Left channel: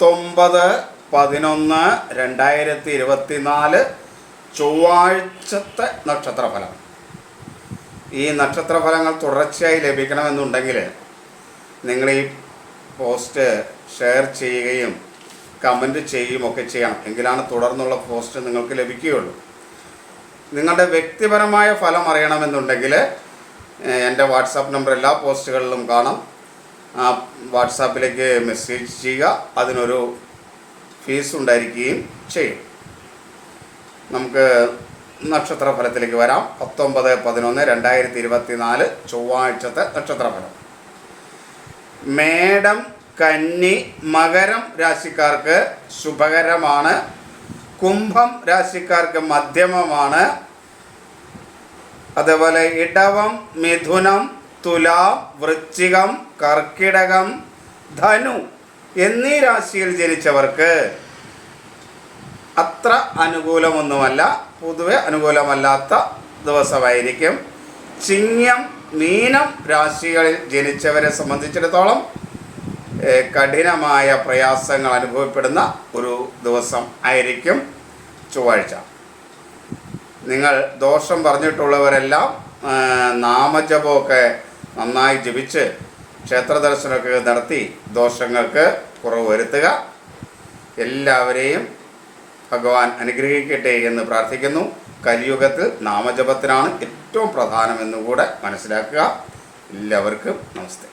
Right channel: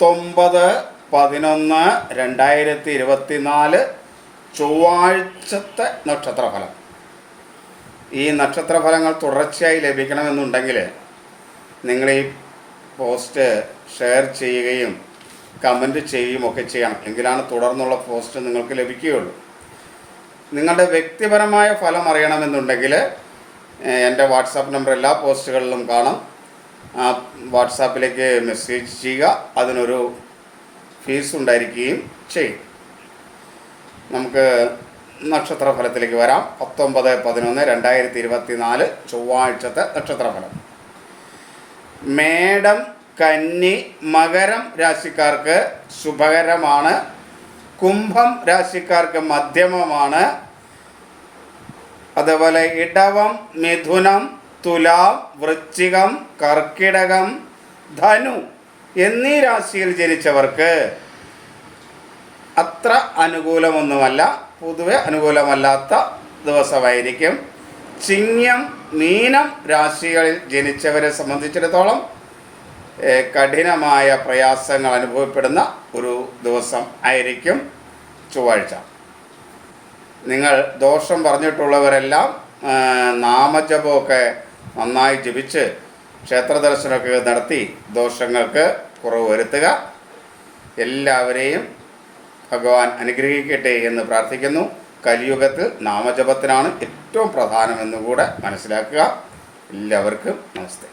19/11/2024 ചൊവ്വാഴ്ചത്തെ നക്ഷത്രഫലം. ഈ നക്ഷത്രഫലങ്ങൾ തുടർച്ചയായി ലഭിക്കണമെന്നുണ്ടെങ്കിൽ നിങ്ങൾ ഈ പോസ്റ്റ് ഷെയർ ചെയ്യുകയും കമൻറ്റ് ചെയ്യുകയുമൊക്കെ ചെയ്യണം. എങ്കിലാണ് തുടർന്നുള്ള പോസ്റ്റ് നിങ്ങൾക്ക് ലഭിക്കുകയുള്ളൂ. നിങ്ങളുടെ വ്യക്തിപരമായ ഫലം അറിയണമെന്നുണ്ടെങ്കിൽ എൻ്റെ വാട്സാപ്പ് നമ്പർ എല്ലാ പോസ്റ്റുകളിലും കാണാം. ആ വാട്സാപ്പിലേക്ക് മെസ്സേജ് ചെയ്യുക. അതിനൊരു ഫീസ് ഉണ്ടായിരിക്കുകയും ചെയ്യും. നമുക്ക് നക്ഷത്രഫലത്തിലേക്ക് വരാം. 19/11/2024 ചൊവ്വാഴ്ചത്തെ നക്ഷത്രഫലം. മേടം, കന്നി, മകരം രാശിക്കാർക്ക് ശുഭകരമാണ്. കുംഭം രാശിക്കാർക്ക് മധ്യമമാണ്. അതുപോലെ ഇടവം, മിഥുനം, തുലാം, വൃശ്ചികം, കർക്കിടകം, ധനു എന്നീ രാശിയിൽ ജനിച്ചവർക്ക് അത്ര അനുകൂലമൊന്നുമല്ല, പൊതുവെ അനുകൂലമല്ലാത്ത ദിവസമായിരിക്കും. ചിങ്ങം, മീനം രാശികളിൽ ജനിച്ചവരെ സംബന്ധിച്ചിടത്തോളം കഠിനമായ പ്രയാസങ്ങൾ അനുഭവപ്പെടുന്ന ഒരു ദിവസം ആയിരിക്കും ചൊവ്വാഴ്ച. നിങ്ങൾ ദോഷം പറഞ്ഞിട്ടുള്ളവരെല്ലാം നാമജപമൊക്കെ നന്നായി ജപിച്ച് ക്ഷേത്ര ദർശനമൊക്കെ നടത്തി ദോഷങ്ങൾക്ക് കുറവ് വരുത്തുക. എല്ലാവരെയും ഭഗവാൻ അനുഗ്രഹിക്കട്ടെ എന്ന് പ്രാർത്ഥിക്കുന്നു. കലിയുഗത്തിൽ നാമജപത്തിനാണ് ഏറ്റവും പ്രധാനമെന്നുകൂടെ മനസ്സിലാക്കുക. എല്ലാവർക്കും നമസ്തേ.